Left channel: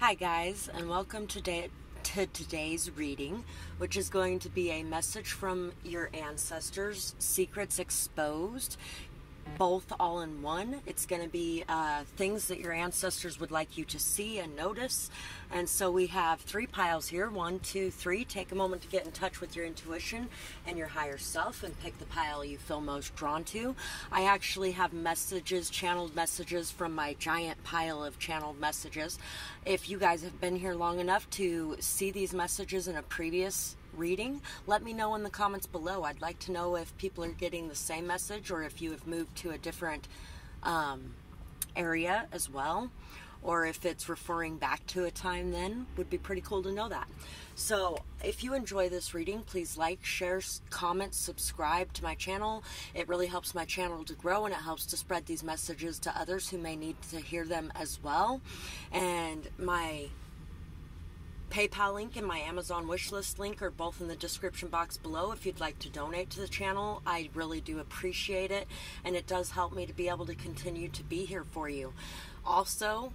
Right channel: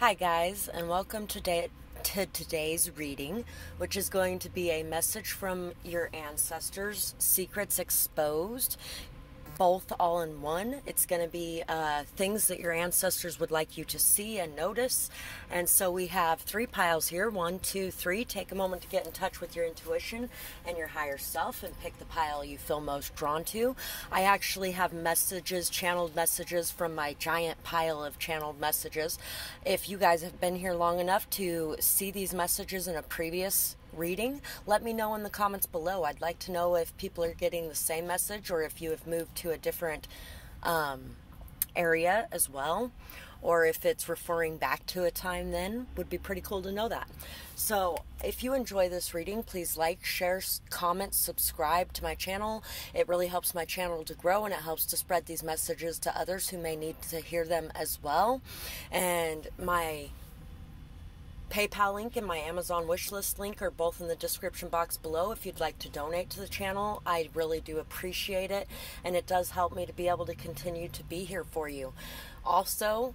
Hi guys, and welcome to today's reading, which is going to be a message from your ancestors, secrets exposed, both all in one. It's going to be things that your ancestors would like you to see and notice. And so we have 3 piles here, 1, 2, 3. Take a moment to get in touch with your intuition and your higher self and pick the pile you feel most drawn to. I actually have messages, channeled messages from my giant pile of channeled messages. If you guys have been here long enough to see these messages in a previous reading, let me know in the comments below. I'd like to know if people are getting the same message or if you have moved to a different area as well, or if it's referring back to a time then. Would be pretty cool to know that. So if you enjoy this reading, please like, share, comment, subscribe to my channel. It really helps my channel to grow, and it helps to spread these messages to others who may need to hear them as well. And my PayPal link and my Amazon wishlist link are both in the description box below if you'd like to donate to the channel. I really do appreciate it, and it does help me to be able to continue to be here for you. Also,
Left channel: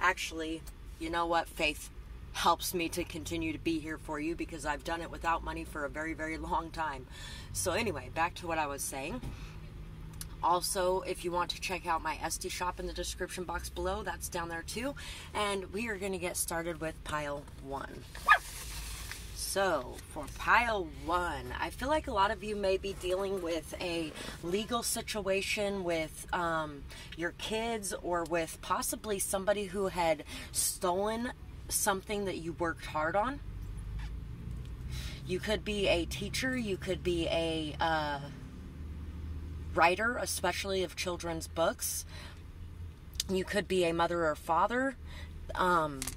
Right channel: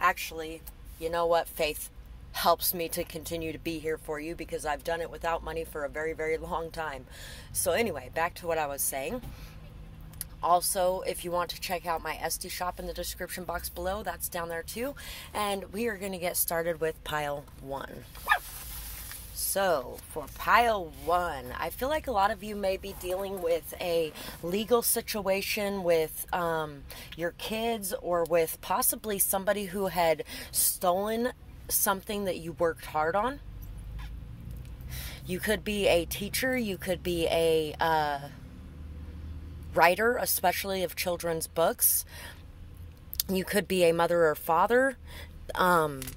actually, you know what? Faith helps me to continue to be here for you because I've done it without money for a very, very long time. So anyway, back to what I was saying. Also, if you want to check out my Etsy shop in the description box below, that's down there too. And we are going to get started with pile 1. So, for pile 1, I feel like a lot of you may be dealing with a legal situation with your kids, or with possibly somebody who had stolen something that you worked hard on. You could be a teacher, you could be a writer, especially of children's books. You could be a mother or father.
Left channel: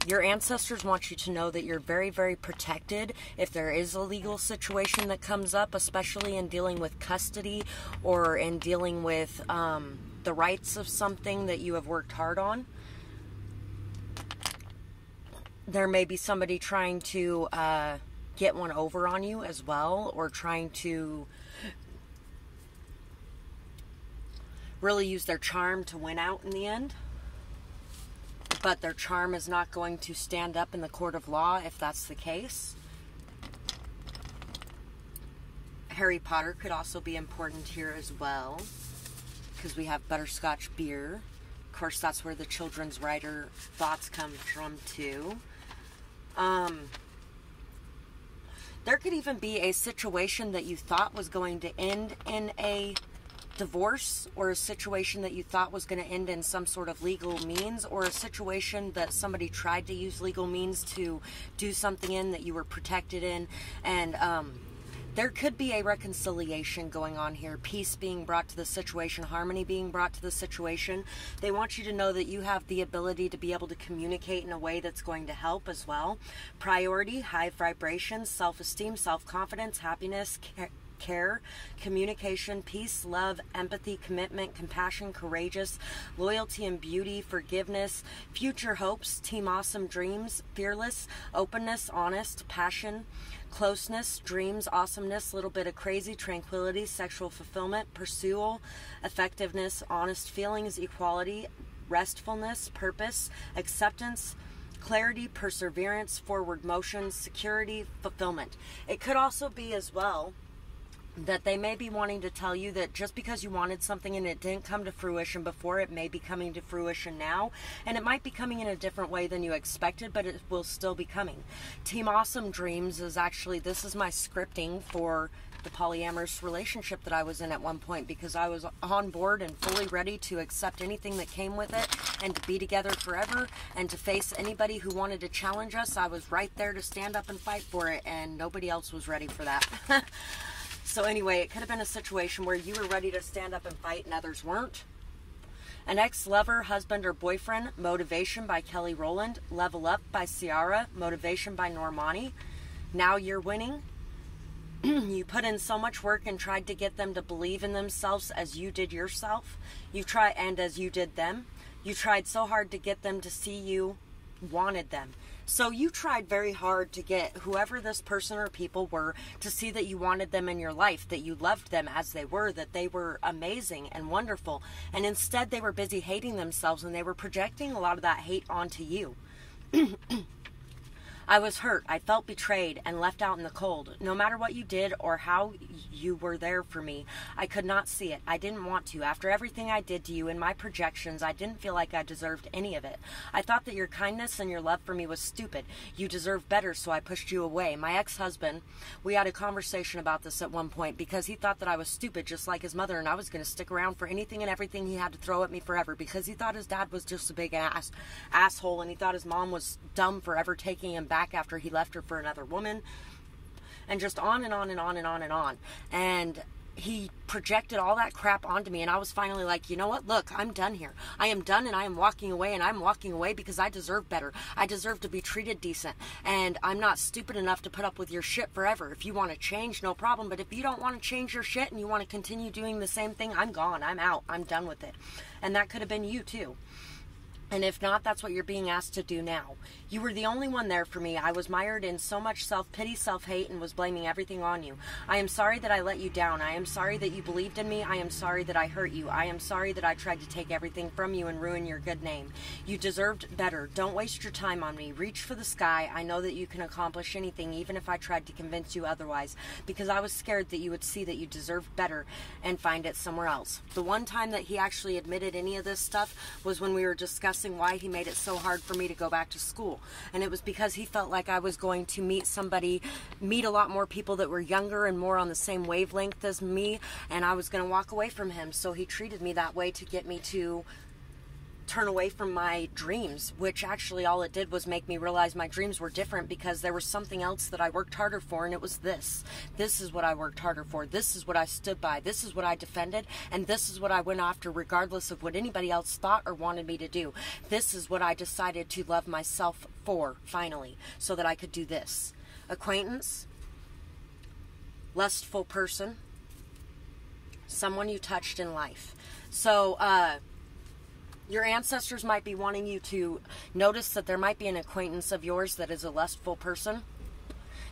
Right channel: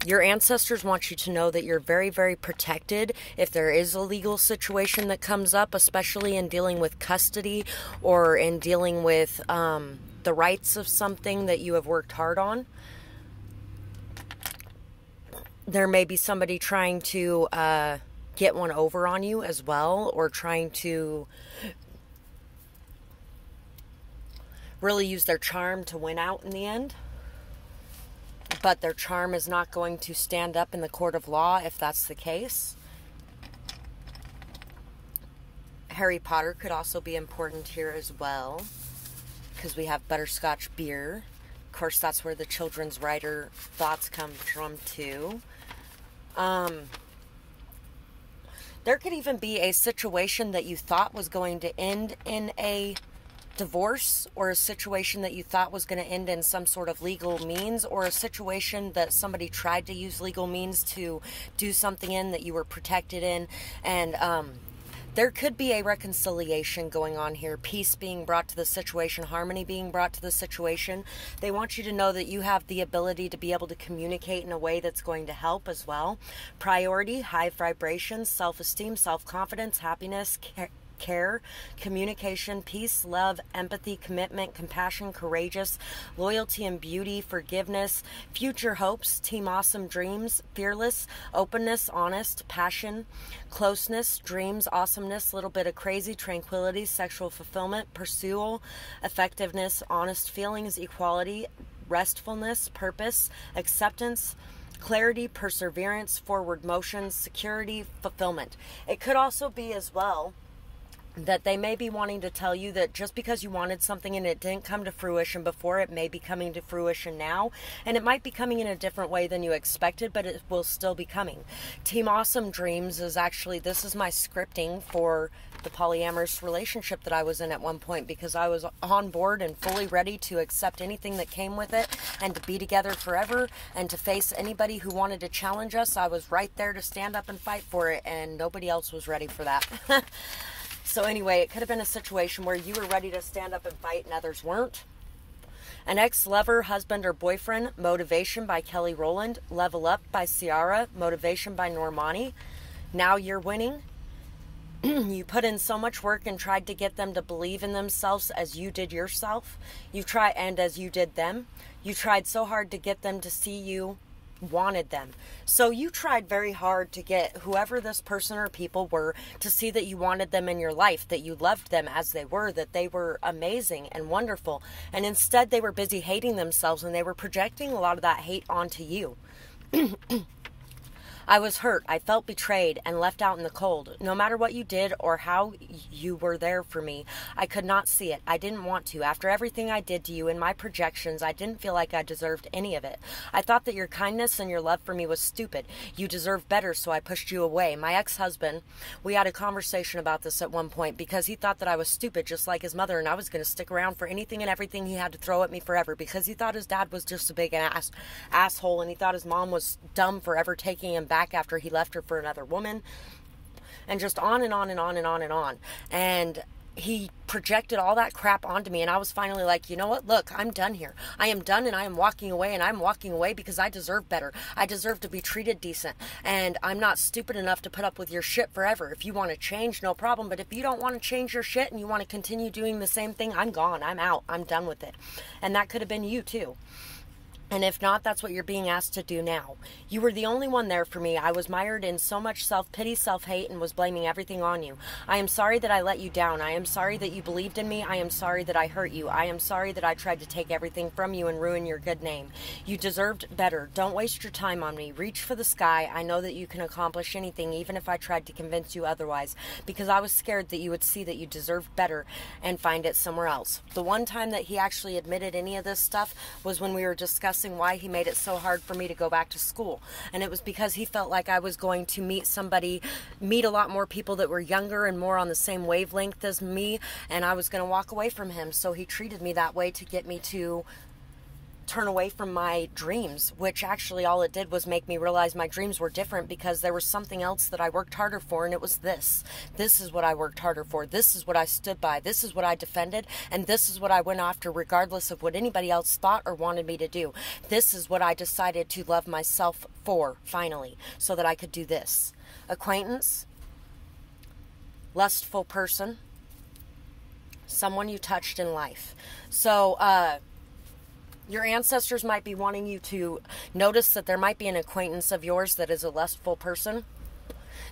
Your ancestors want you to know that you're very, very protected if there is a legal situation that comes up, especially in dealing with custody or in dealing with the rights of something that you have worked hard on. There may be somebody trying to get one over on you as well, or trying to really use their charm to win out in the end. But their charm is not going to stand up in the court of law if that's the case. Harry Potter could also be important here as well, because we have butterscotch beer. Of course, that's where the children's writer thoughts come from too. There could even be a situation that you thought was going to end in a divorce, or a situation that you thought was going to end in some sort of legal means, or a situation that somebody tried to use legal means to do something in that you were protected in. And there could be a reconciliation going on here, peace being brought to the situation, harmony being brought to the situation. They want you to know that you have the ability to be able to communicate in a way that's going to help as well. Priority, high vibrations, self-esteem, self-confidence, happiness, care, communication, peace, love, empathy, commitment, compassion, courageous, loyalty and beauty, forgiveness, future hopes, team awesome, dreams, fearless, openness, honest, passion, closeness, dreams, awesomeness, little bit of crazy, tranquility, sexual fulfillment, pursual, effectiveness, honest feelings, equality, restfulness, purpose, acceptance, clarity, perseverance, forward motion, security, fulfillment. It could also be as well that they may be wanting to tell you that just because you wanted something and it didn't come to fruition before, it may be coming to fruition now, and it might be coming in a different way than you expected, but it will still be coming. Team Awesome Dreams is actually, this is my scripting for the polyamorous relationship that I was in at one point, because I was on board and fully ready to accept anything that came with it and to be together forever and to face anybody who wanted to challenge us. I was right there to stand up and fight for it, and nobody else was ready for that. So anyway, it could have been a situation where you were ready to stand up and fight and others weren't. An ex-lover, husband, or boyfriend, Motivation by Kelly Rowland. Level Up by Ciara, Motivation by Normani. Now you're winning. You put in so much work and tried to get them to believe in themselves as you did yourself. You tried, and as you did them. You tried so hard to get them to see you wanted them. So you tried very hard to get whoever this person or people were to see that you wanted them in your life, that you loved them as they were, that they were amazing and wonderful. And instead they were busy hating themselves, and they were projecting a lot of that hate onto you. I was hurt. I felt betrayed and left out in the cold. No matter what you did or how you were there for me, I could not see it. I didn't want to. After everything I did to you in my projections, I didn't feel like I deserved any of it. I thought that your kindness and your love for me was stupid. You deserved better, so I pushed you away. My ex-husband, we had a conversation about this at one point because he thought that I was stupid just like his mother, and I was going to stick around for anything and everything he had to throw at me forever because he thought his dad was just a big asshole, and he thought his mom was dumb for ever taking him back after he left her for another woman, and just on and on and on and on and on. And he projected all that crap onto me, and I was finally like, you know what, look, I'm done here. I am done, and I am walking away, and I'm walking away because I deserve better. I deserve to be treated decent, and I'm not stupid enough to put up with your shit forever. If you want to change, no problem, but if you don't want to change your shit and you want to continue doing the same thing, I'm gone. I'm out. I'm done with it. And that could have been you too. And if not, that's what you're being asked to do now. You were the only one there for me. I was mired in so much self-pity, self-hate, and was blaming everything on you. I am sorry that I let you down. I am sorry that you believed in me. I am sorry that I hurt you. I am sorry that I tried to take everything from you and ruin your good name. You deserved better. Don't waste your time on me. Reach for the sky. I know that you can accomplish anything, even if I tried to convince you otherwise, because I was scared that you would see that you deserved better and find it somewhere else. The one time that he actually admitted any of this stuff was when we were discussing why he made it so hard for me to go back to school. And it was because he felt like I was going to meet a lot more people that were younger and more on the same wavelength as me, and I was going to walk away from him. So he treated me that way to get me to turn away from my dreams, which actually all it did was make me realize my dreams were different, because there was something else that I worked harder for, and it was this. This is what I worked harder for. This is what I stood by. This is what I defended, and this is what I went after regardless of what anybody else thought or wanted me to do. This is what I decided to love myself for, finally, so that I could do this. Acquaintance, lustful person, someone you touched in life. So, your ancestors might be wanting you to notice that there might be an acquaintance of yours that is a lustful person.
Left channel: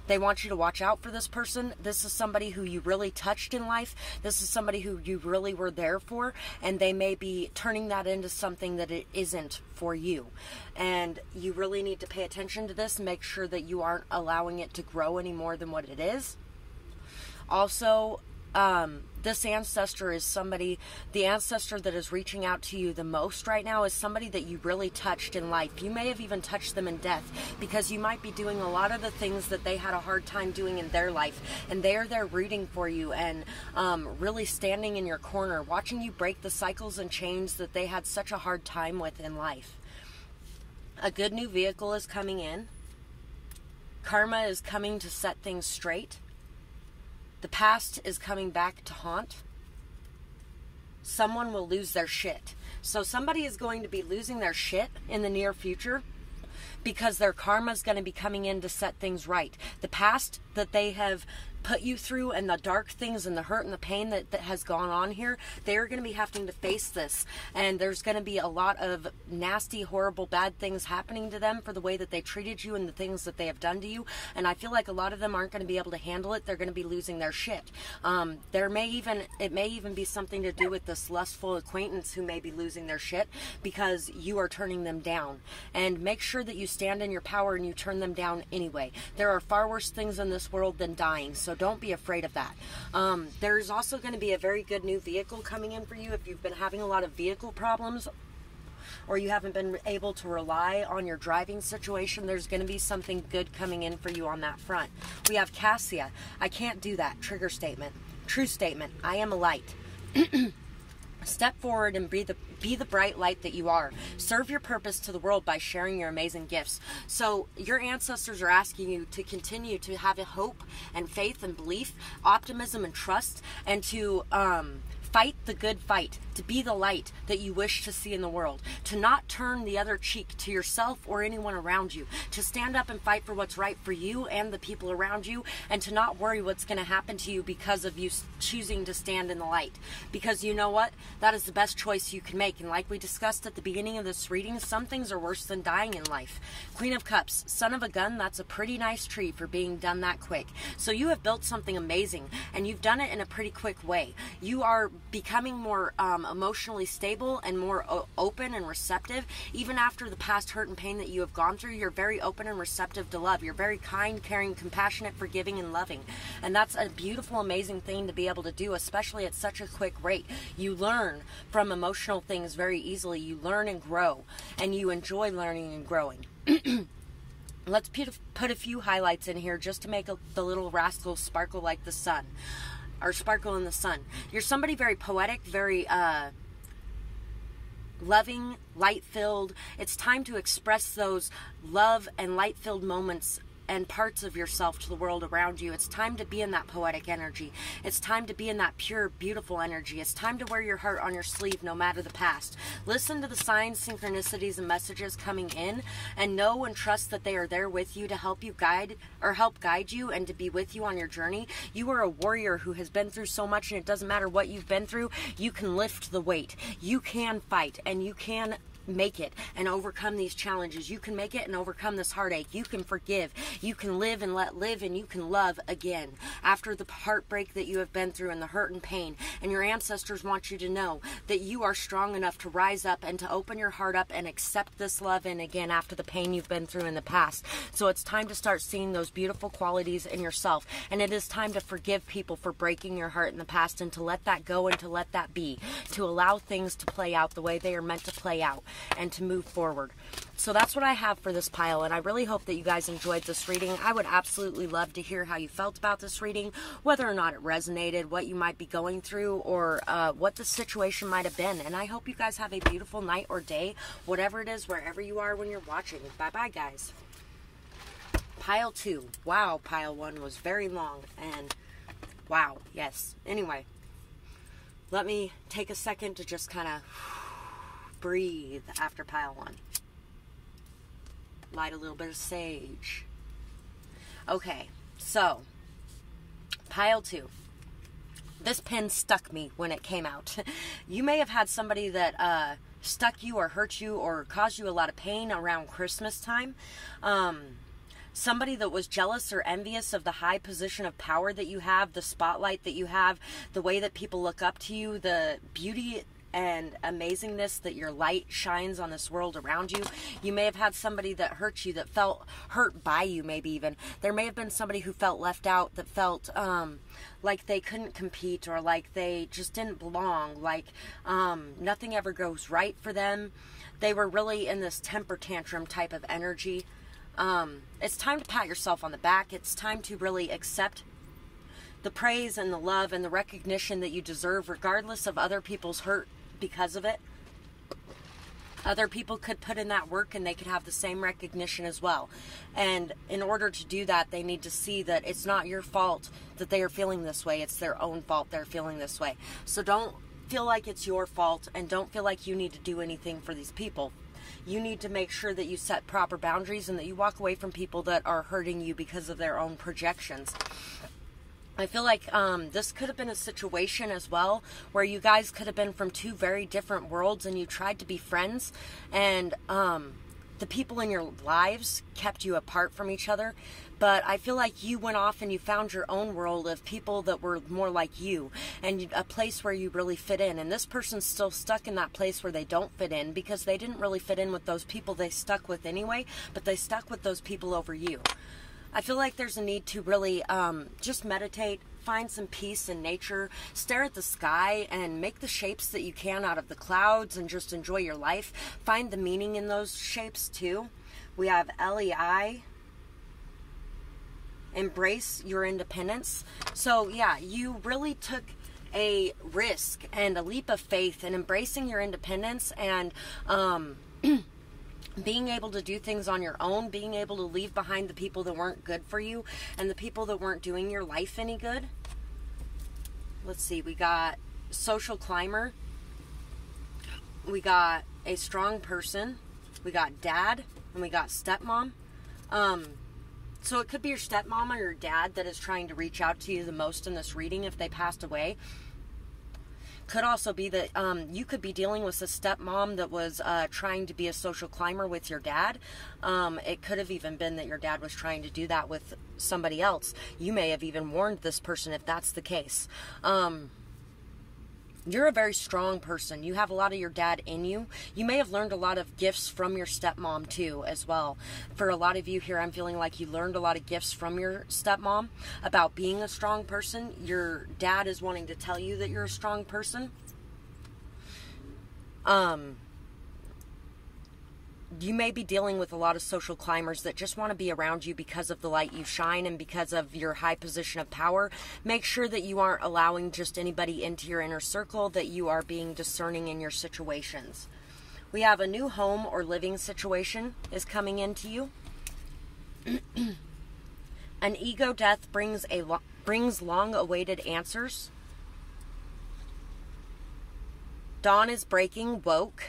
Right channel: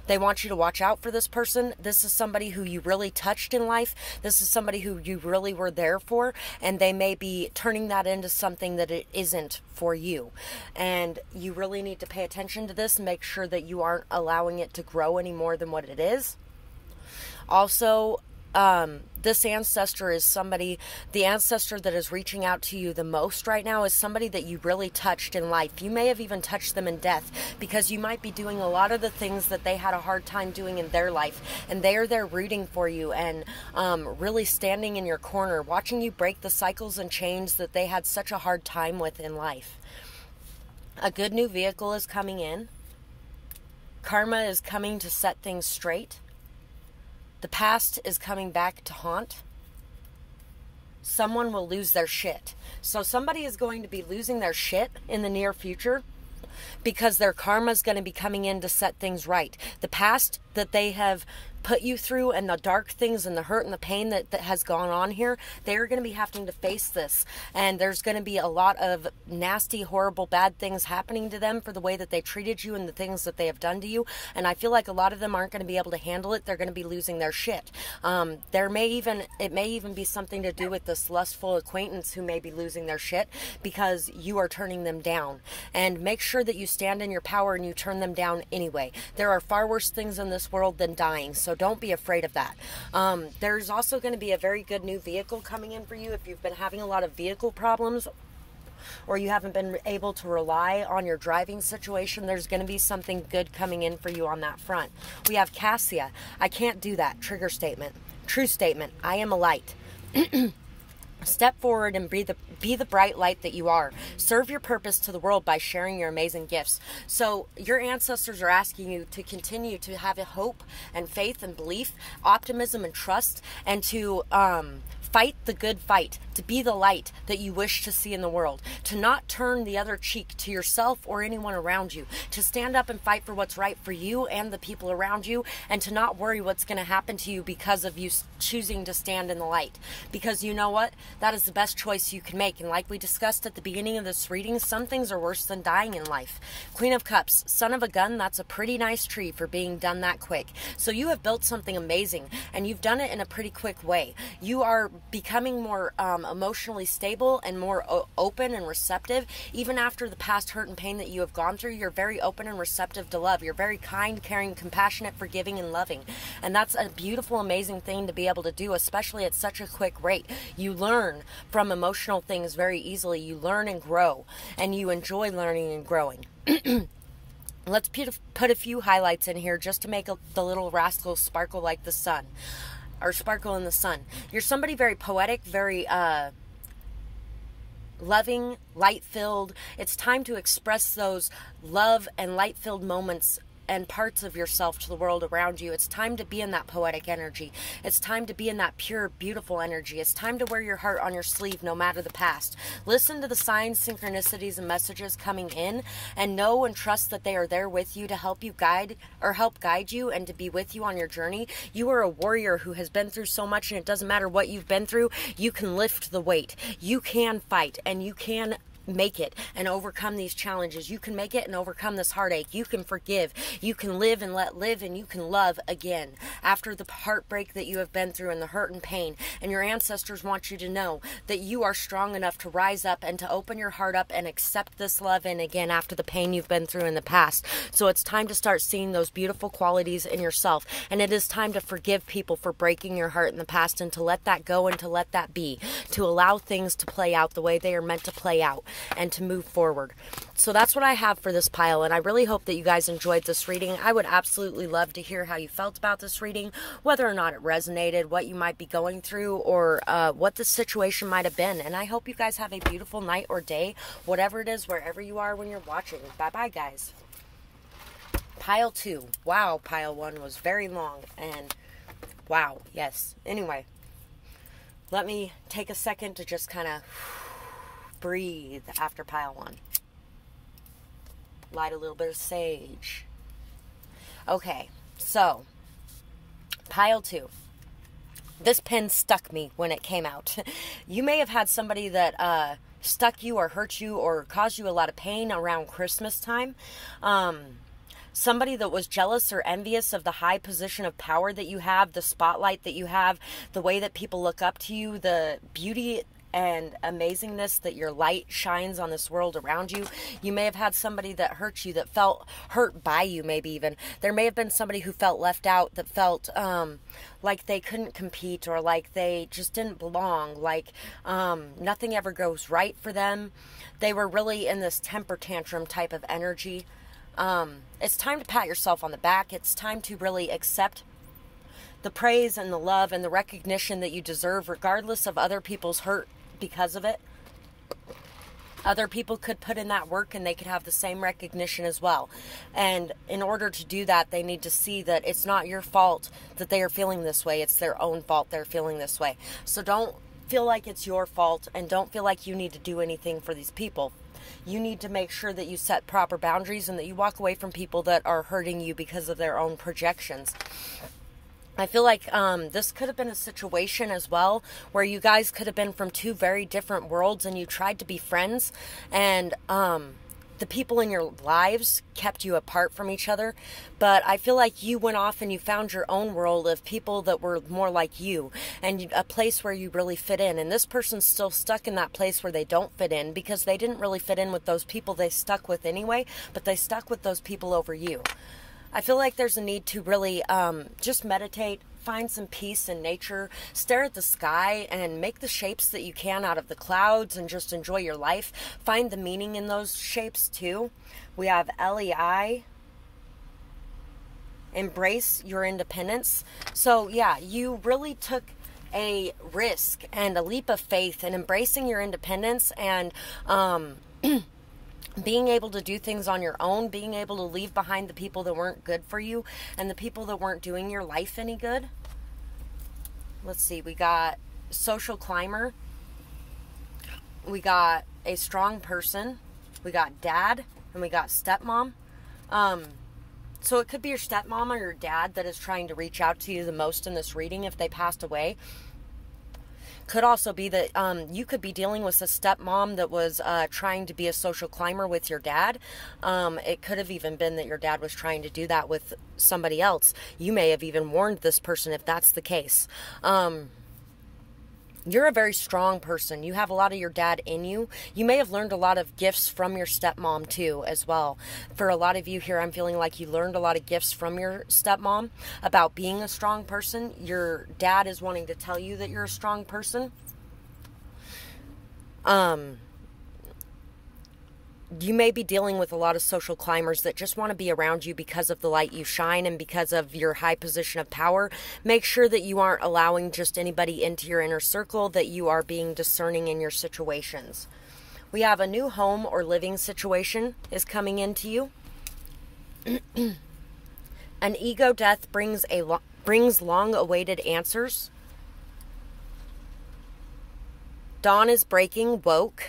They want you to watch out for this person. This is somebody who you really touched in life. This is somebody who you really were there for, and they may be turning that into something that it isn't for you. And you really need to pay attention to this and make sure that you aren't allowing it to grow any more than what it is. Also, this ancestor is somebody, the ancestor that is reaching out to you the most right now is somebody that you really touched in life. You may have even touched them in death, because you might be doing a lot of the things that they had a hard time doing in their life, and they are there rooting for you and really standing in your corner, watching you break the cycles and chains that they had such a hard time with in life. A good new vehicle is coming in. Karma is coming to set things straight. The past is coming back to haunt. Someone will lose their shit. So somebody is going to be losing their shit in the near future, because their karma is going to be coming in to set things right. The past that they have put you through, and the dark things and the hurt and the pain that has gone on here, they're going to be having to face this. And there's going to be a lot of nasty, horrible, bad things happening to them for the way that they treated you and the things that they have done to you. And I feel like a lot of them aren't going to be able to handle it. They're going to be losing their shit. It may even be something to do with this lustful acquaintance who may be losing their shit because you are turning them down. And make sure that you stand in your power and you turn them down anyway. There are far worse things in this world than dying, so don't be afraid of that. There's also going to be a very good new vehicle coming in for you if you've been having a lot of vehicle problems, or you haven't been able to rely on your driving situation. There's going to be something good coming in for you on that front. We have Cassia. I can't do that. Trigger statement. True statement. I am a light. Step forward and be the bright light that you are. Serve your purpose to the world by sharing your amazing gifts. So your ancestors are asking you to continue to have a hope and faith and belief, optimism and trust, and to fight the good fight, to be the light that you wish to see in the world, to not turn the other cheek to yourself or anyone around you, to stand up and fight for what's right for you and the people around you, and to not worry what's going to happen to you because of you choosing to stand in the light. Because you know what? That is the best choice you can make. And like we discussed at the beginning of this reading, some things are worse than dying in life. Queen of Cups, son of a gun, that's a pretty nice tree for being done that quick. So you have built something amazing, and you've done it in a pretty quick way. You are becoming more emotionally stable and more open and receptive. Even after the past hurt and pain that you have gone through, you're very open and receptive to love. You're very kind, caring, compassionate, forgiving, and loving. And that's a beautiful, amazing thing to be able to do, especially at such a quick rate. You learn from emotional things very easily. You learn and grow, and you enjoy learning and growing. Let's put a few highlights in here just to make the little rascal sparkle like the sun. Or sparkle in the sun. You're somebody very poetic, very loving, light-filled. It's time to express those love and light-filled moments and parts of yourself to the world around you. It's time to be in that poetic energy. It's time to be in that pure, beautiful energy. It's time to wear your heart on your sleeve no matter the past. Listen to the signs, synchronicities, and messages coming in, and know and trust that they are there with you to help you guide you and to be with you on your journey. You are a warrior who has been through so much, and it doesn't matter what you've been through. You can lift the weight. You can fight, and you can make it and overcome these challenges. You can make it and overcome this heartache. You can forgive. You can live and let live, and you can love again after the heartbreak that you have been through and the hurt and pain. And your ancestors want you to know that you are strong enough to rise up and to open your heart up and accept this love in again after the pain you've been through in the past. So it's time to start seeing those beautiful qualities in yourself, and it is time to forgive people for breaking your heart in the past, and to let that go and to let that be, to allow things to play out the way they are meant to play out, and to move forward. So that's what I have for this pile, and I really hope that you guys enjoyed this reading. I would absolutely love to hear how you felt about this reading, whether or not it resonated, what you might be going through, or what the situation might have been. And I hope you guys have a beautiful night or day, whatever it is, wherever you are when you're watching. Bye-bye, guys. Pile 2. Wow, pile 1 was very long, and wow, yes. Anyway, let me take a second to just kind of breathe after pile 1. Light a little bit of sage. Okay, so pile 2. This pen stuck me when it came out. You may have had somebody that stuck you or hurt you or caused you a lot of pain around Christmas time. Somebody that was jealous or envious of the high position of power that you have, the spotlight that you have, the way that people look up to you, the beauty and amazingness that your light shines on this world around you. You may have had somebody that hurt you, that felt hurt by you, maybe even. There may have been somebody who felt left out, that felt like they couldn't compete, or like they just didn't belong, like nothing ever goes right for them. They were really in this temper tantrum type of energy. It's time to pat yourself on the back. It's time to really accept the praise and the love and the recognition that you deserve, regardless of other people's hurt because of it. Other people could put in that work and they could have the same recognition as well. And in order to do that, they need to see that it's not your fault that they are feeling this way. It's their own fault they're feeling this way. So don't feel like it's your fault, and don't feel like you need to do anything for these people. You need to make sure that you set proper boundaries and that you walk away from people that are hurting you because of their own projections. I feel like this could have been a situation as well where you guys could have been from two very different worlds, and you tried to be friends, and the people in your lives kept you apart from each other. But I feel like you went off and you found your own world of people that were more like you, and a place where you really fit in. And this person's still stuck in that place where they don't fit in, because they didn't really fit in with those people they stuck with anyway, but they stuck with those people over you. I feel like there's a need to really just meditate, find some peace in nature, stare at the sky, and make the shapes that you can out of the clouds, and just enjoy your life. Find the meaning in those shapes too. We have LEI, embrace your independence. So yeah, you really took a risk and a leap of faith in embracing your independence, and being able to do things on your own, being able to leave behind the people that weren't good for you and the people that weren't doing your life any good. Let's see, we got social climber, we got a strong person, we got dad, and we got stepmom. So it could be your stepmom or your dad that is trying to reach out to you the most in this reading if they passed away. Could also be that you could be dealing with a stepmom that was trying to be a social climber with your dad. It could have even been that your dad was trying to do that with somebody else. You may have even warned this person if that's the case. You're a very strong person. You have a lot of your dad in you. You may have learned a lot of gifts from your stepmom too, as well. For a lot of you here, I'm feeling like you learned a lot of gifts from your stepmom about being a strong person. Your dad is wanting to tell you that you're a strong person. You may be dealing with a lot of social climbers that just want to be around you because of the light you shine and because of your high position of power. Make sure that you aren't allowing just anybody into your inner circle, that you are being discerning in your situations. We have a new home or living situation is coming into you. An ego death brings long-awaited answers. Dawn is breaking, woke.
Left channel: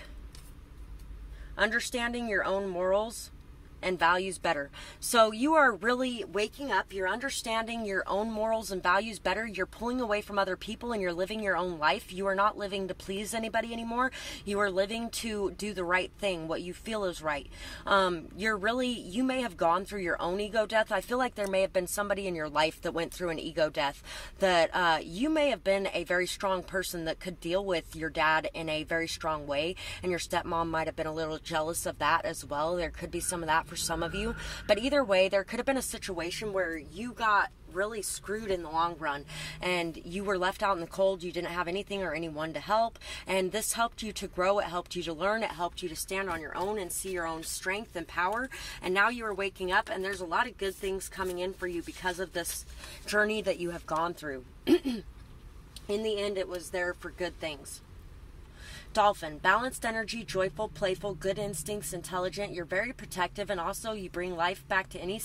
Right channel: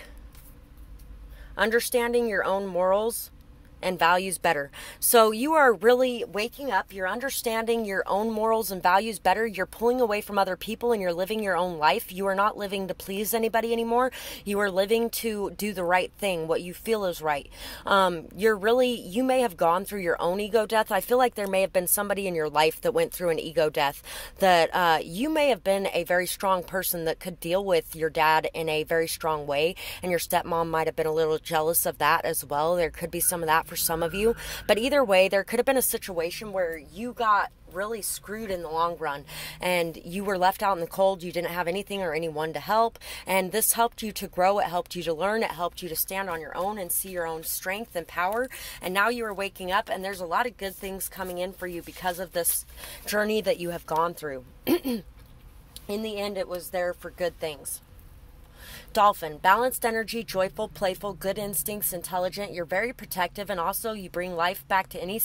Understanding your own morals and values better. So you are really waking up. You're understanding your own morals and values better. You're pulling away from other people and you're living your own life. You are not living to please anybody anymore. You are living to do the right thing, what you feel is right. You may have gone through your own ego death. I feel like there may have been somebody in your life that went through an ego death, that you may have been a very strong person that could deal with your dad in a very strong way, and your stepmom might have been a little jealous of that as well. There could be some of that for some of you, but either way, there could have been a situation where you got really screwed in the long run and you were left out in the cold. You didn't have anything or anyone to help, and this helped you to grow. It helped you to learn. It helped you to stand on your own and see your own strength and power, and now you are waking up and there's a lot of good things coming in for you because of this journey that you have gone through. In the end, it was there for good things. Dolphin, balanced energy, joyful, playful, good instincts, intelligent. You're very protective, and also you bring life back to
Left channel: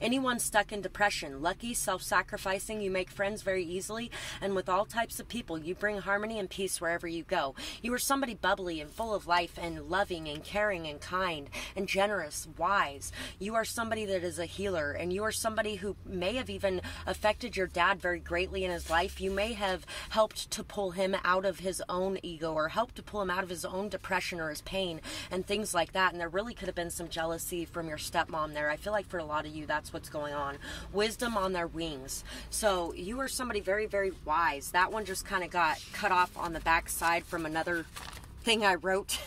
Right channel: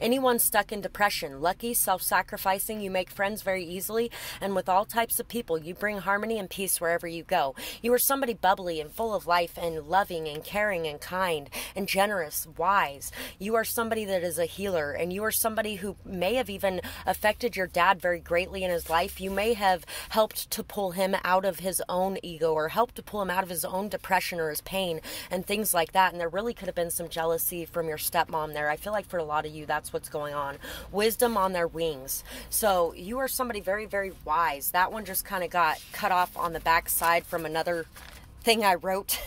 anyone stuck in depression. Lucky, self-sacrificing. You make friends very easily, and with all types of people. You bring harmony and peace wherever you go. You are somebody bubbly and full of life and loving and caring and kind and generous, wise. You are somebody that is a healer, and you are somebody who may have even affected your dad very greatly in his life. You may have helped to pull him out of his own ego, or helped to pull him out of his own depression or his pain and things like that. And there really could have been some jealousy from your stepmom there. I feel like for a lot of you, that's what's going on. Wisdom on their wings. So you are somebody very, very wise. That one just kind of got cut off on the back side from another thing I wrote.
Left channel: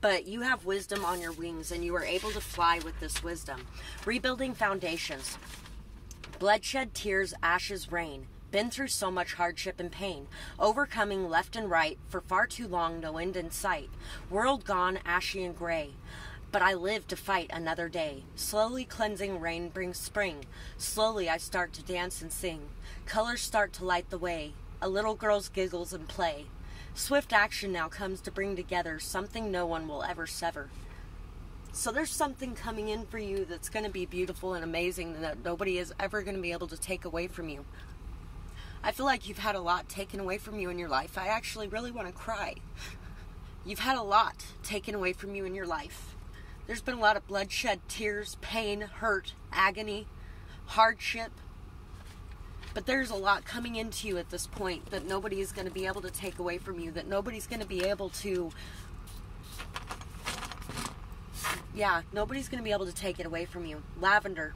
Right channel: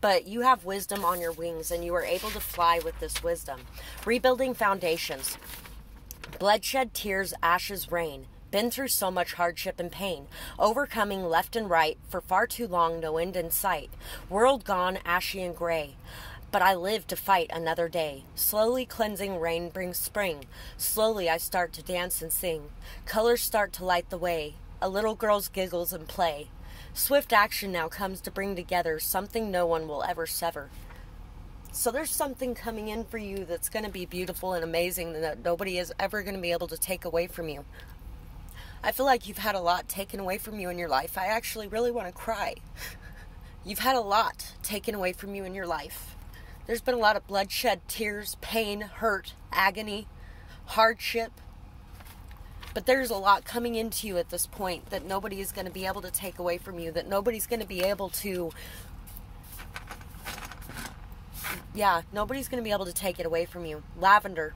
But you have wisdom on your wings, and you are able to fly with this wisdom. Rebuilding foundations. Bloodshed, tears, ashes, rain. Been through so much hardship and pain, overcoming left and right, for far too long, no end in sight. World gone, ashy and gray, but I live to fight another day. Slowly cleansing rain brings spring. Slowly I start to dance and sing. Colors start to light the way. A little girl's giggles and play. Swift action now comes to bring together something no one will ever sever. So there's something coming in for you that's going to be beautiful and amazing that nobody is ever going to be able to take away from you. I feel like you've had a lot taken away from you in your life. I actually really want to cry. You've had a lot taken away from you in your life. There's been a lot of bloodshed, tears, pain, hurt, agony, hardship. But there's a lot coming into you at this point that nobody is going to be able to take away from you, that nobody's going to be able to... nobody's going to be able to take it away from you. Lavender.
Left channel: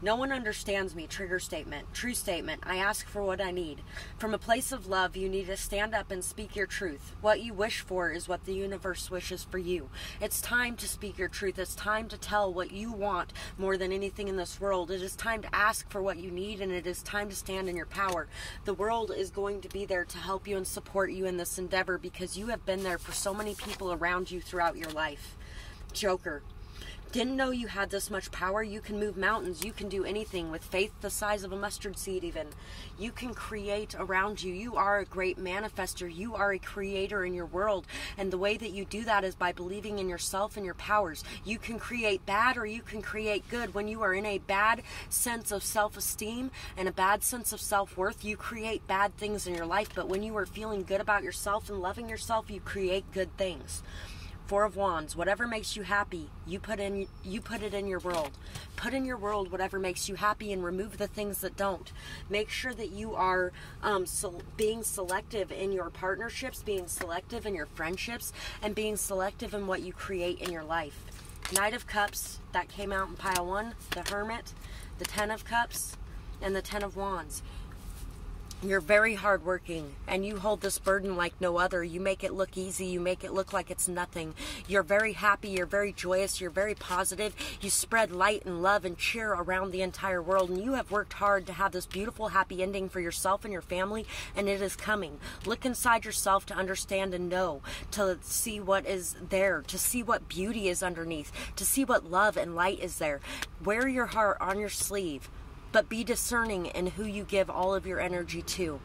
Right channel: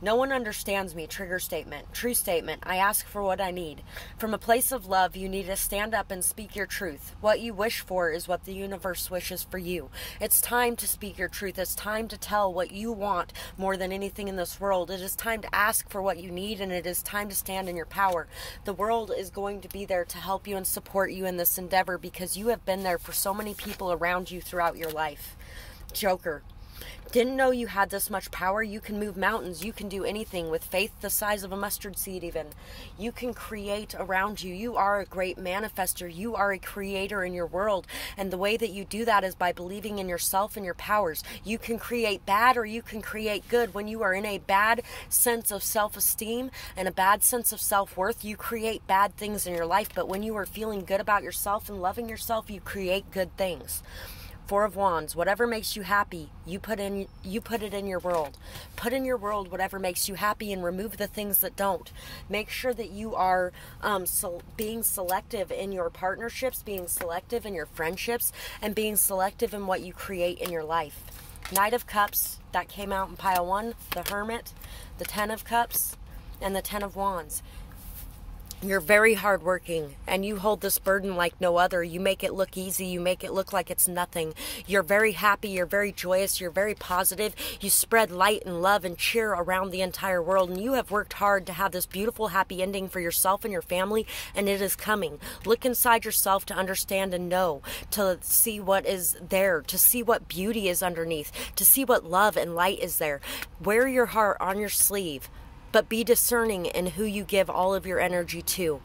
No one understands me. Trigger statement. True statement. I ask for what I need. From a place of love, you need to stand up and speak your truth. What you wish for is what the universe wishes for you. It's time to speak your truth. It's time to tell what you want more than anything in this world. It is time to ask for what you need, and it is time to stand in your power. The world is going to be there to help you and support you in this endeavor because you have been there for so many people around you throughout your life. Joker. Didn't know you had this much power. You can move mountains. You can do anything with faith the size of a mustard seed even. You can create around you. You are a great manifester. You are a creator in your world. And the way that you do that is by believing in yourself and your powers. You can create bad or you can create good. When you are in a bad sense of self-esteem and a bad sense of self-worth, you create bad things in your life. But when you are feeling good about yourself and loving yourself, you create good things. Four of Wands, whatever makes you happy, you put it in your world. Put in your world whatever makes you happy and remove the things that don't. Make sure that you are being selective in your partnerships, being selective in your friendships, and being selective in what you create in your life. Knight of Cups, that came out in pile 1, the Hermit, the 10 of Cups, and the 10 of Wands. You're very hardworking, and you hold this burden like no other. You make it look easy. You make it look like it's nothing. You're very happy. You're very joyous. You're very positive. You spread light and love and cheer around the entire world, and you have worked hard to have this beautiful, happy ending for yourself and your family, and it is coming. Look inside yourself to understand and know, to see what is there, to see what beauty is underneath, to see what love and light is there. Wear your heart on your sleeve. But be discerning in who you give all of your energy to.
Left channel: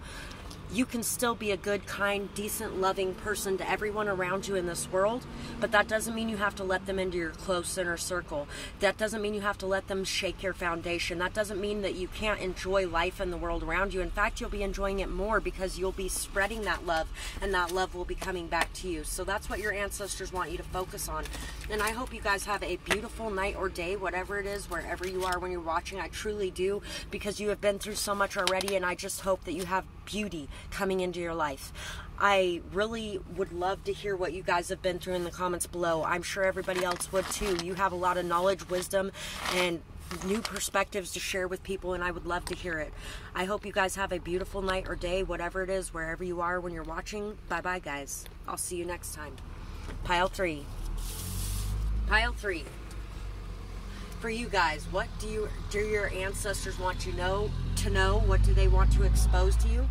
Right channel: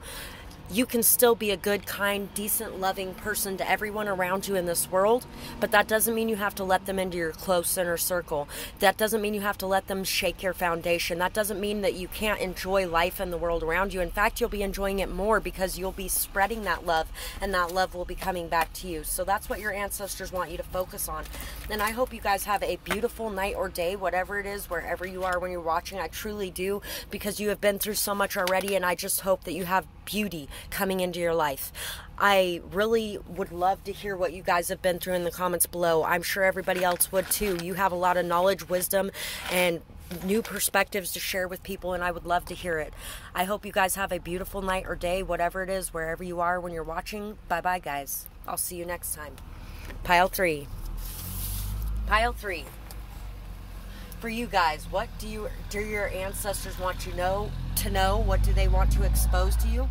You can still be a good, kind, decent, loving person to everyone around you in this world, but that doesn't mean you have to let them into your close inner circle. That doesn't mean you have to let them shake your foundation. That doesn't mean that you can't enjoy life and the world around you. In fact, you'll be enjoying it more because you'll be spreading that love, and that love will be coming back to you. So that's what your ancestors want you to focus on. And I hope you guys have a beautiful night or day, whatever it is, wherever you are when you're watching. I truly do, because you have been through so much already, and I just hope that you have beauty coming into your life. I really would love to hear what you guys have been through in the comments below. I'm sure everybody else would too. You have a lot of knowledge, wisdom, and new perspectives to share with people, and I would love to hear it. I hope you guys have a beautiful night or day, whatever it is, wherever you are when you're watching. Bye-bye, guys. I'll see you next time. Pile 3. Pile 3. For you guys, what do your ancestors want you to know? What do they want to expose to you?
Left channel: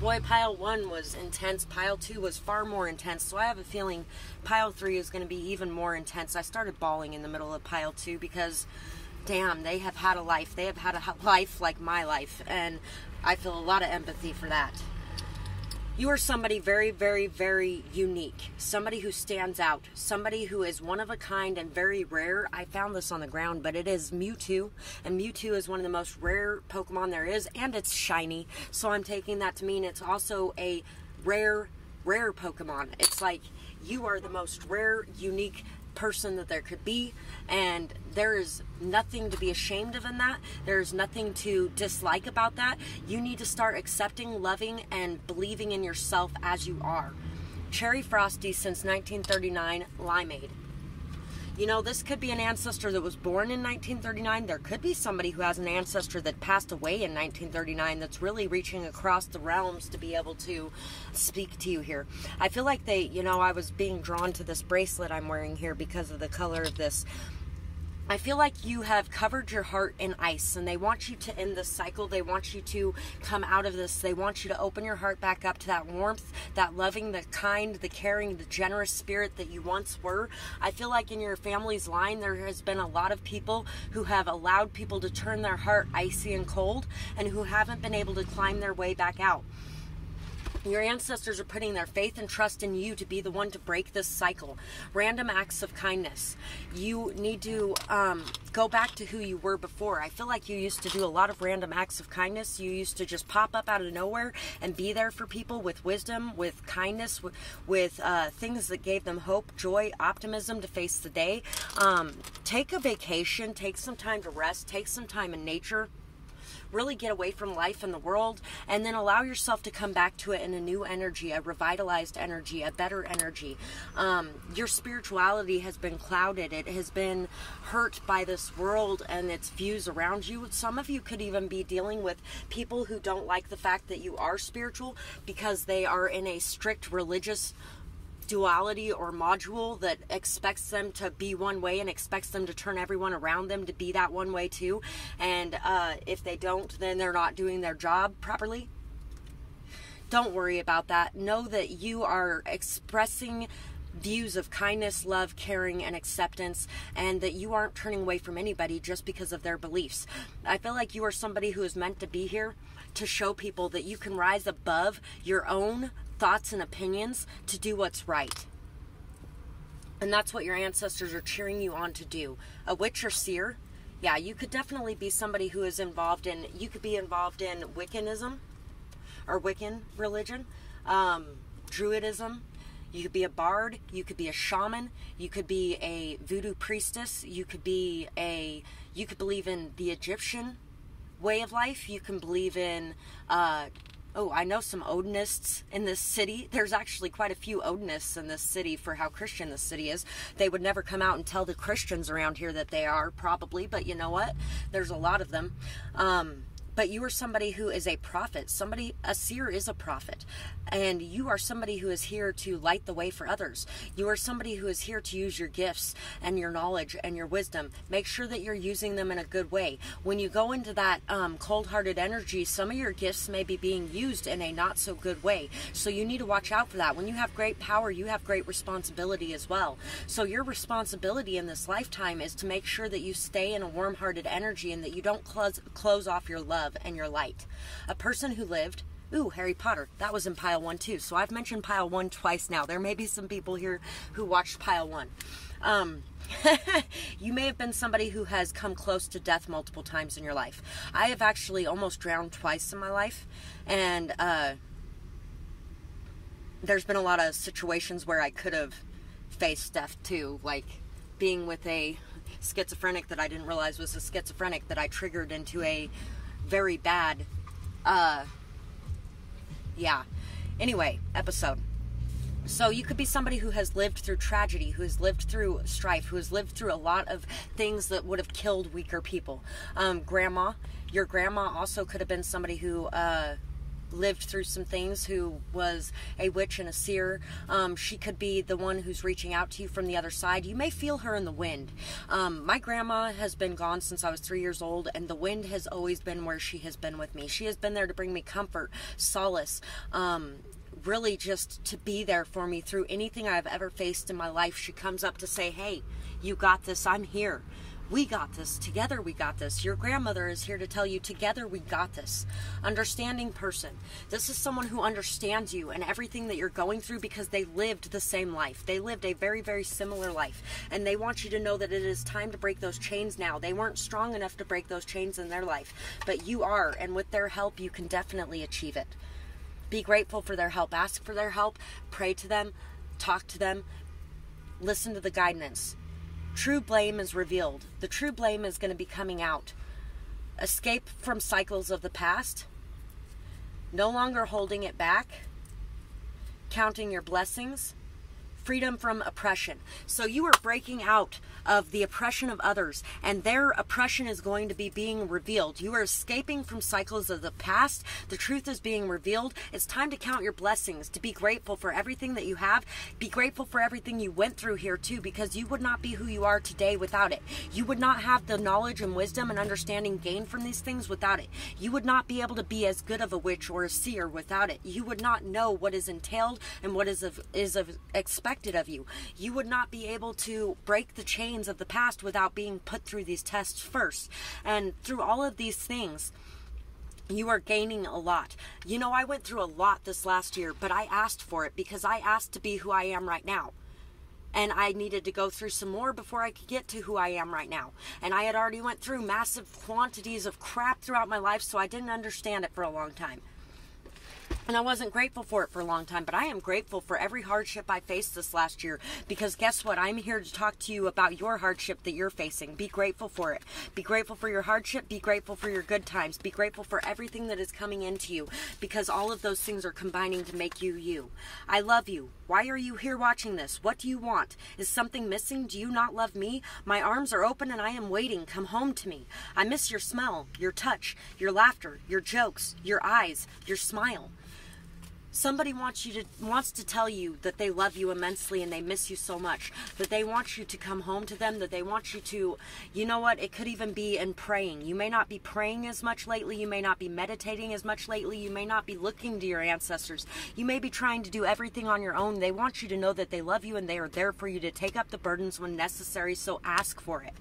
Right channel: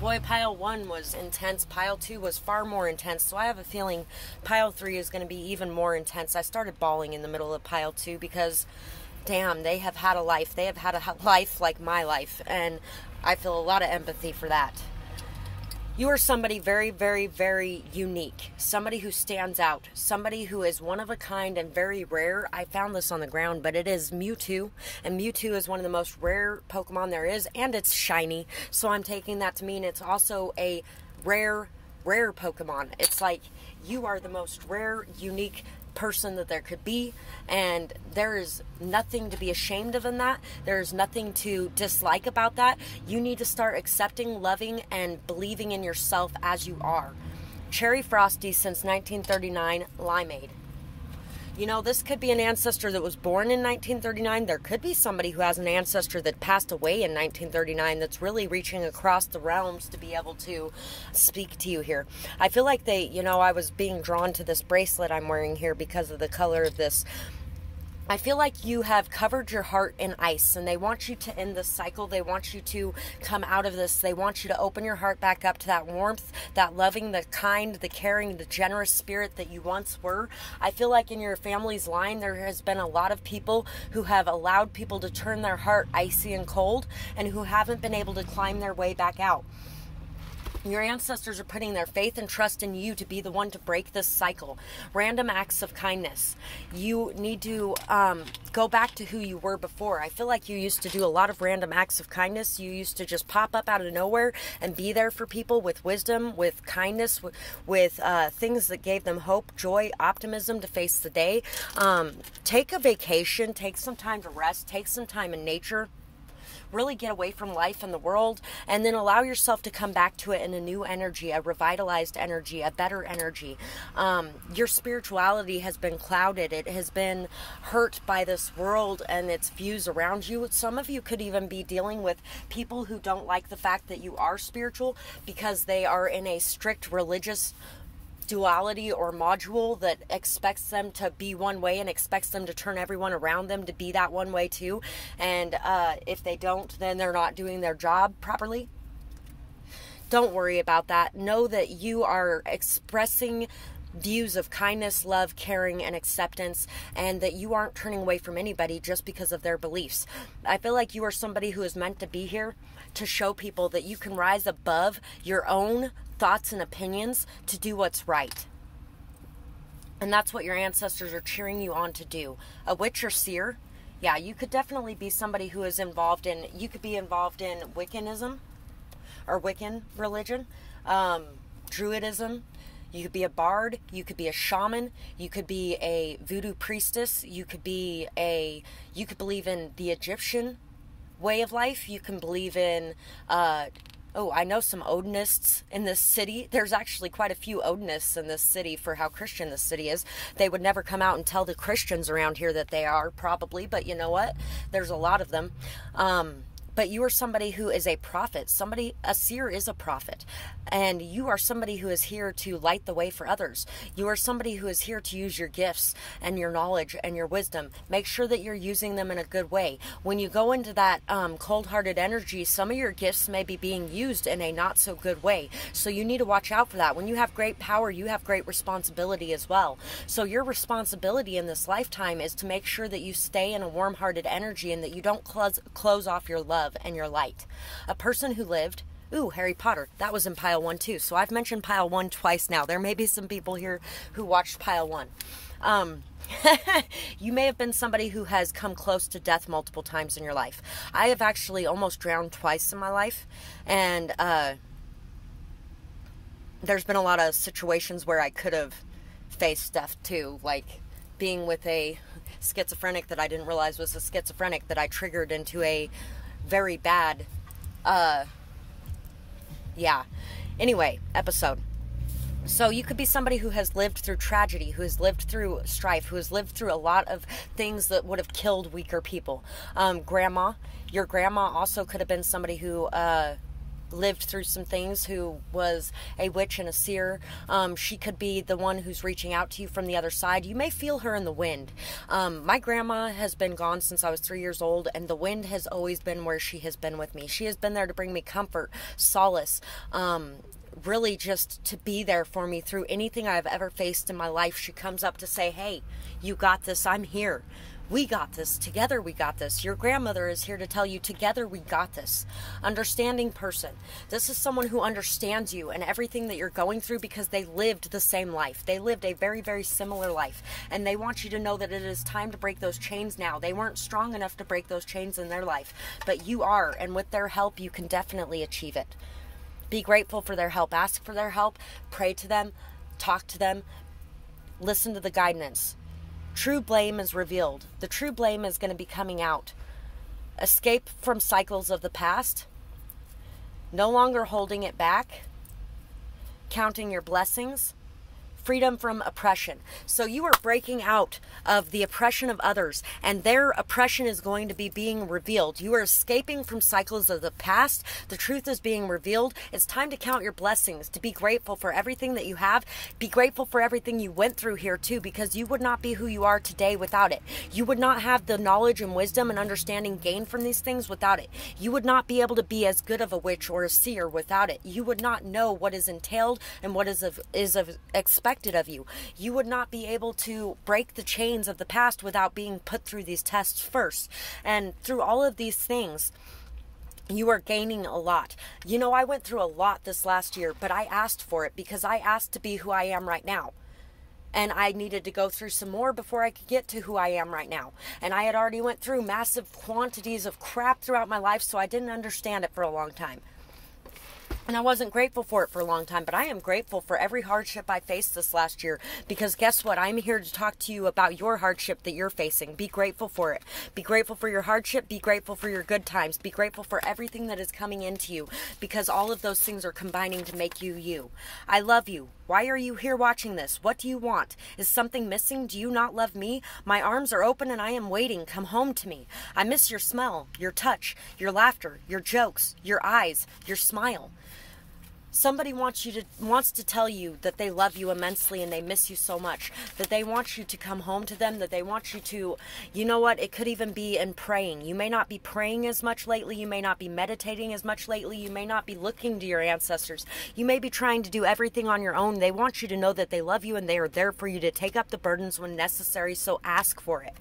Boy, pile 1 was intense. Pile 2 was far more intense. So I have a feeling pile 3 is going to be even more intense. I started bawling in the middle of pile 2 because, damn, they have had a life. They have had a life like my life. And I feel a lot of empathy for that. You are somebody very, very, very unique. Somebody who stands out. Somebody who is one of a kind and very rare. I found this on the ground, but it is Mewtwo. And Mewtwo is one of the most rare Pokemon there is, and it's shiny. So I'm taking that to mean it's also a rare Pokemon. It's like you are the most rare, unique person that there could be, and there is nothing to be ashamed of in that. There's nothing to dislike about that. You need to start accepting, loving, and believing in yourself as you are. Cherry Frosty since 1939, Limeade. You know, this could be an ancestor that was born in 1939. There could be somebody who has an ancestor that passed away in 1939 that's really reaching across the realms to be able to speak to you here. I feel like I was being drawn to this bracelet I'm wearing here because of the color of this. I feel like you have covered your heart in ice, and they want you to end this cycle. They want you to come out of this. They want you to open your heart back up to that warmth, that loving, the kind, the caring, the generous spirit that you once were. I feel like in your family's line, there has been a lot of people who have allowed people to turn their heart icy and cold, and who haven't been able to climb their way back out. Your ancestors are putting their faith and trust in you to be the one to break this cycle. Random acts of kindness. You need to go back to who you were before. I feel like you used to do a lot of random acts of kindness. You used to just pop up out of nowhere and be there for people with wisdom, with kindness, with things that gave them hope, joy, optimism to face the day. Take a vacation. Take some time to rest. Take some time in nature. Really get away from life and the world, and then allow yourself to come back to it in a new energy, a revitalized energy, a better energy. Your spirituality has been clouded. It has been hurt by this world and its views around you. Some of you could even be dealing with people who don't like the fact that you are spiritual because they are in a strict religious duality or module that expects them to be one way and expects them to turn everyone around them to be that one way too. And if they don't, then they're not doing their job properly. Don't worry about that. Know that you are expressing views of kindness, love, caring, and acceptance, and that you aren't turning away from anybody just because of their beliefs. I feel like you are somebody who is meant to be here to show people that you can rise above your own thoughts and opinions to do what's right. And that's what your ancestors are cheering you on to do. A witch or seer, yeah, you could definitely be somebody who is involved in, you could be involved in Wiccanism or Wiccan religion, Druidism. You could be a bard, you could be a shaman, you could be a voodoo priestess, you could believe in the Egyptian way of life, you can believe in, I know some Odinists in this city. There's actually quite a few Odinists in this city for how Christian this city is. They would never come out and tell the Christians around here that they are, probably, but you know what? There's a lot of them. but you are somebody who is a prophet. A seer is a prophet. And you are somebody who is here to light the way for others. You are somebody who is here to use your gifts and your knowledge and your wisdom. Make sure that you're using them in a good way. When you go into that cold-hearted energy, some of your gifts may be being used in a not so good way. So you need to watch out for that. When you have great power, you have great responsibility as well. So your responsibility in this lifetime is to make sure that you stay in a warm-hearted energy and that you don't close off your love and your light. A person who lived... Ooh, Harry Potter. That was in pile 1 too. So I've mentioned pile 1 twice now. There may be some people here who watched pile 1. You may have been somebody who has come close to death multiple times in your life. I have actually almost drowned twice in my life. And there's been a lot of situations where I could have faced death too. Like being with a schizophrenic that I didn't realize was a schizophrenic that I triggered into a very bad... Anyway, episode. So you could be somebody who has lived through tragedy, who has lived through strife, who has lived through a lot of things that would have killed weaker people. Your grandma also could have been somebody who lived through some things, who was a witch and a seer. She could be the one who's reaching out to you from the other side. You may feel her in the wind. My grandma has been gone since I was 3 years old, and the wind has always been where she has been with me. She has been there to bring me comfort, solace, really just to be there for me through anything I've ever faced in my life. She comes up to say, hey, you got this, I'm here. We got this. Together we got this. Your grandmother is here to tell you, together we got this. Understanding person. This is someone who understands you and everything that you're going through because they lived the same life. They lived a very, very similar life. And they want you to know that it is time to break those chains now. They weren't strong enough to break those chains in their life. But you are. And with their help, you can definitely achieve it. Be grateful for their help. Ask for their help. Pray to them. Talk to them. Listen to the guidance. True blame is revealed. The true blame is going to be coming out. Escape from cycles of the past. No longer holding it back. Counting your blessings. Freedom from oppression. So you are breaking out of the oppression of others, and their oppression is going to be being revealed. You are escaping from cycles of the past. The truth is being revealed. It's time to count your blessings, to be grateful for everything that you have. Be grateful for everything you went through here too, because you would not be who you are today without it. You would not have the knowledge and wisdom and understanding gained from these things without it. You would not be able to be as good of a witch or a seer without it. You would not know what is entailed and what is expected of you. You would not be able to break the chains of the past without being put through these tests first. And through all of these things, you are gaining a lot. You know, I went through a lot this last year, but I asked for it because I asked to be who I am right now. And I needed to go through some more before I could get to who I am right now. And I had already went through massive quantities of crap throughout my life, so I didn't understand it for a long time. And I wasn't grateful for it for a long time, but I am grateful for every hardship I faced this last year, because guess what? I'm here to talk to you about your hardship that you're facing. Be grateful for it. Be grateful for your hardship. Be grateful for your good times. Be grateful for everything that is coming into you, because all of those things are combining to make you you. I love you. Why are you here watching this? What do you want? Is something missing? Do you not love me? My arms are open and I am waiting. Come home to me. I miss your smell, your touch, your laughter, your jokes, your eyes, your smile. Somebody wants to tell you that they love you immensely and they miss you so much, that they want you to come home to them, that they want you to, you know what, it could even be in praying. You may not be praying as much lately. You may not be meditating as much lately. You may not be looking to your ancestors. You may be trying to do everything on your own. They want you to know that they love you and they are there for you to take up the burdens when necessary, so ask for it.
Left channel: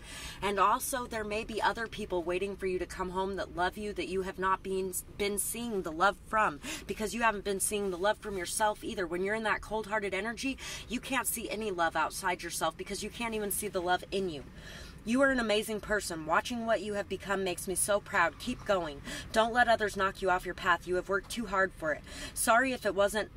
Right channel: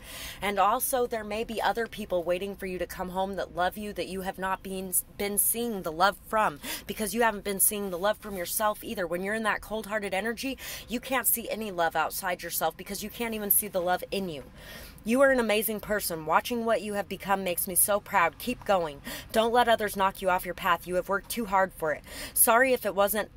And also, there may be other people waiting for you to come home that love you, that you have not been seeing the love from, because you haven't been seeing the love from yourself either. When you're in that cold-hearted energy, you can't see any love outside yourself because you can't even see the love in you. You are an amazing person. Watching what you have become makes me so proud. Keep going. Don't let others knock you off your path. You have worked too hard for it. Sorry if I wasn't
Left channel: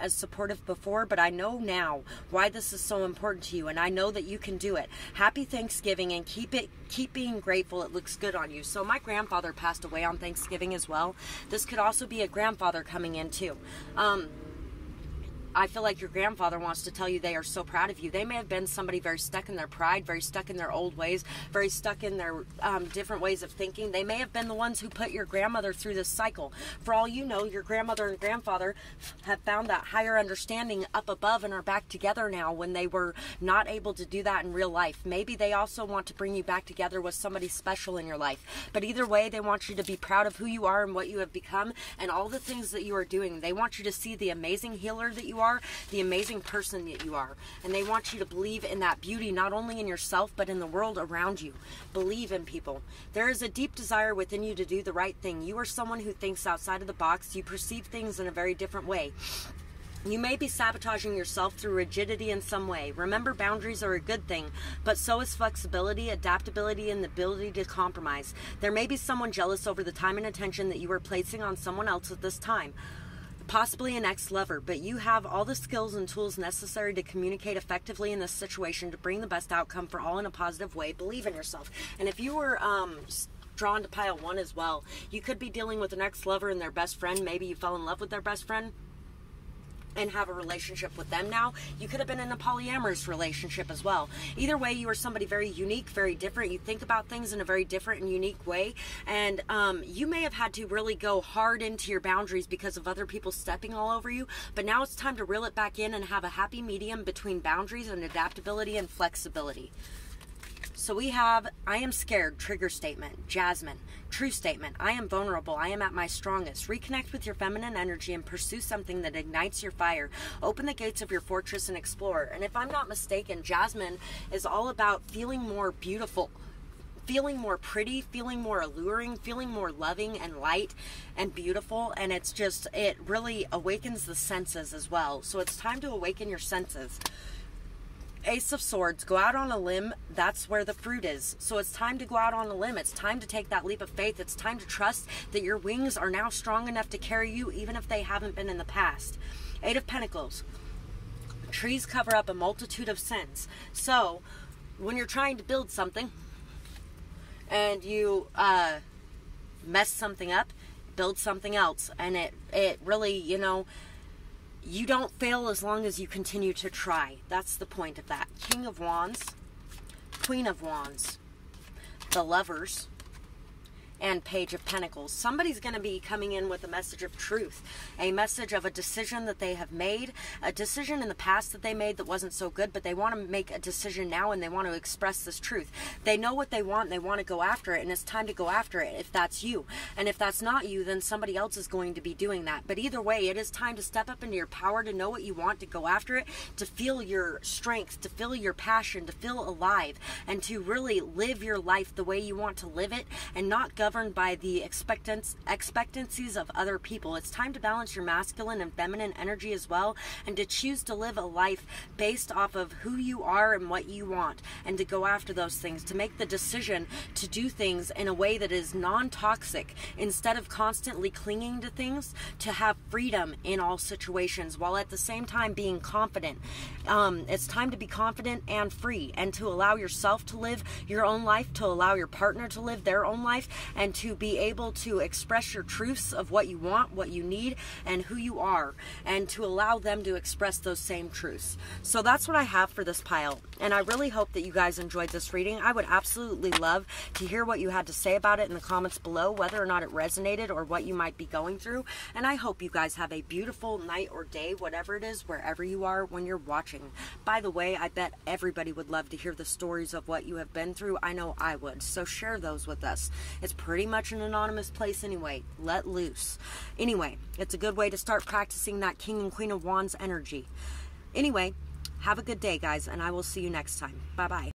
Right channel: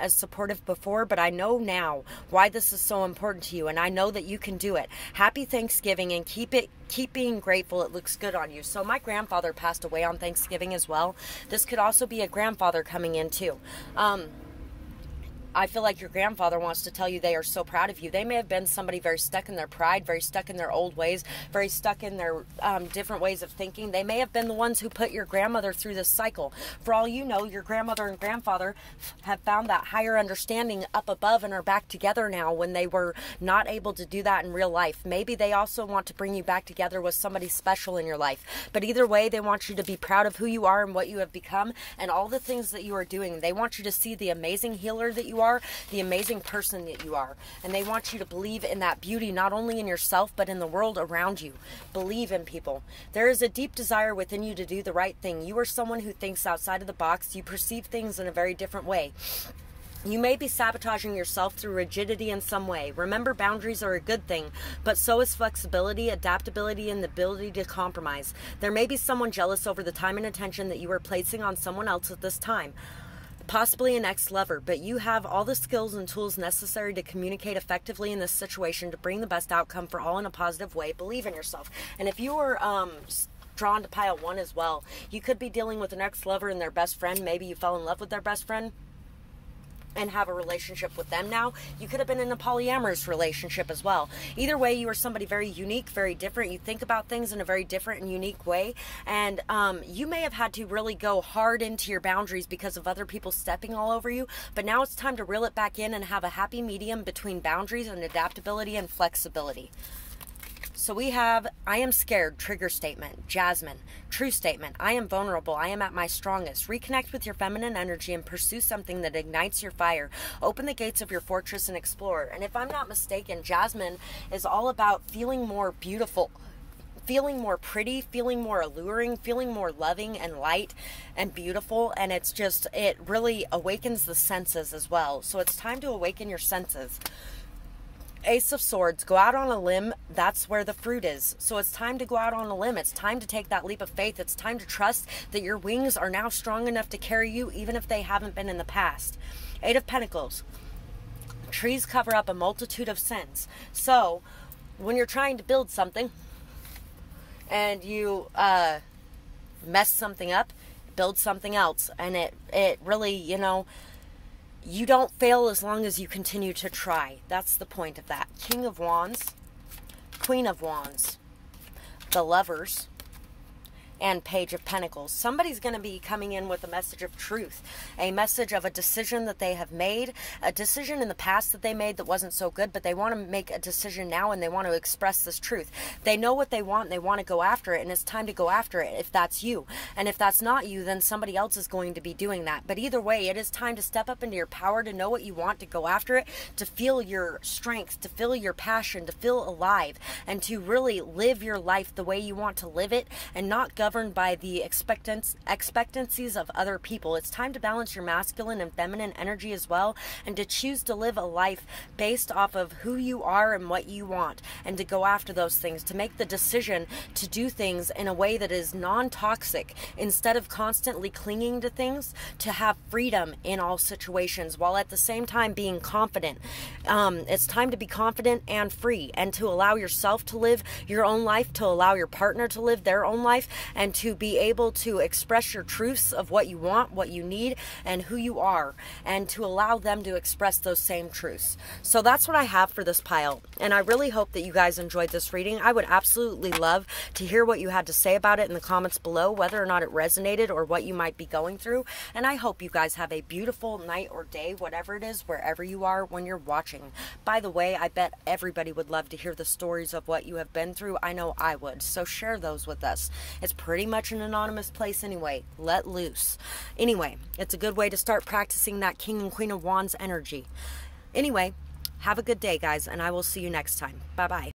as supportive before, but I know now why this is so important to you, and I know that you can do it. Happy Thanksgiving, and keep being grateful. It looks good on you. So my grandfather passed away on Thanksgiving as well. This could also be a grandfather coming in too. I feel like your grandfather wants to tell you they are so proud of you. They may have been somebody very stuck in their pride, very stuck in their old ways, very stuck in their different ways of thinking. They may have been the ones who put your grandmother through this cycle. For all you know, your grandmother and grandfather have found that higher understanding up above and are back together now when they were not able to do that in real life. Maybe they also want to bring you back together with somebody special in your life. But either way, they want you to be proud of who you are and what you have become and all the things that you are doing. They want you to see the amazing healer that you are, the amazing person that you are. And they want you to believe in that beauty, not only in yourself, but in the world around you. Believe in people. There is a deep desire within you to do the right thing. You are someone who thinks outside of the box. You perceive things in a very different way. You may be sabotaging yourself through rigidity in some way. Remember, boundaries are a good thing, but so is flexibility, adaptability, and the ability to compromise. There may be someone jealous over the time and attention that you are placing on someone else at this time. Possibly an ex-lover, but you have all the skills and tools necessary to communicate effectively in this situation to bring the best outcome for all in a positive way. Believe in yourself. And if you are drawn to pile 1 as well, you could be dealing with an ex-lover and their best friend. Maybe you fell in love with their best friend and have a relationship with them now. You could have been in a polyamorous relationship as well. Either way, you are somebody very unique, very different. You think about things in a very different and unique way. And you may have had to really go hard into your boundaries because of other people stepping all over you. But now it's time to reel it back in and have a happy medium between boundaries and adaptability and flexibility. So we have, I am scared, trigger statement. Jasmine, true statement. I am vulnerable. I am at my strongest. Reconnect with your feminine energy and pursue something that ignites your fire. Open the gates of your fortress and explore. And if I'm not mistaken, Jasmine is all about feeling more beautiful, feeling more pretty, feeling more alluring, feeling more loving and light and beautiful. And it's just, it really awakens the senses as well. So it's time to awaken your senses. Ace of Swords, go out on a limb. That's where the fruit is. So it's time to go out on a limb. It's time to take that leap of faith. It's time to trust that your wings are now strong enough to carry you, even if they haven't been in the past. 8 of Pentacles. Trees cover up a multitude of sins. So when you're trying to build something and you mess something up, build something else. And it really, you know, you don't fail as long as you continue to try. That's the point of that. King of Wands, Queen of Wands, the Lovers, and Page of Pentacles. Somebody's going to be coming in with a message of truth, a message of a decision that they have made, a decision in the past that they made that wasn't so good, but they want to make a decision now and they want to express this truth. They know what they want, they want to go after it, and it's time to go after it if that's you. And if that's not you, then somebody else is going to be doing that. But either way, it is time to step up into your power, to know what you want, to go after it, to feel your strength, to feel your passion, to feel alive, and to really live your life the way you want to live it and not governed by the expectancies of other people. It's time to balance your masculine and feminine energy as well, and to choose to live a life based off of who you are and what you want, and to go after those things, to make the decision to do things in a way that is non-toxic instead of constantly clinging to things, to have freedom in all situations while at the same time being confident. It's time to be confident and free, and to allow yourself to live your own life, to allow your partner to live their own life, and to be able to express your truths of what you want, what you need, and who you are, and to allow them to express those same truths. So that's what I have for this pile, and I really hope that you guys enjoyed this reading. I would absolutely love to hear what you had to say about it in the comments below, whether or not it resonated or what you might be going through. And I hope you guys have a beautiful night or day, whatever it is, wherever you are when you're watching. By the way, I bet everybody would love to hear the stories of what you have been through. I know I would, so share those with us. It's pretty much an anonymous place anyway. Let loose. Anyway, it's a good way to start practicing that King and Queen of Wands energy. Anyway, have a good day, guys, and I will see you next time. Bye-bye.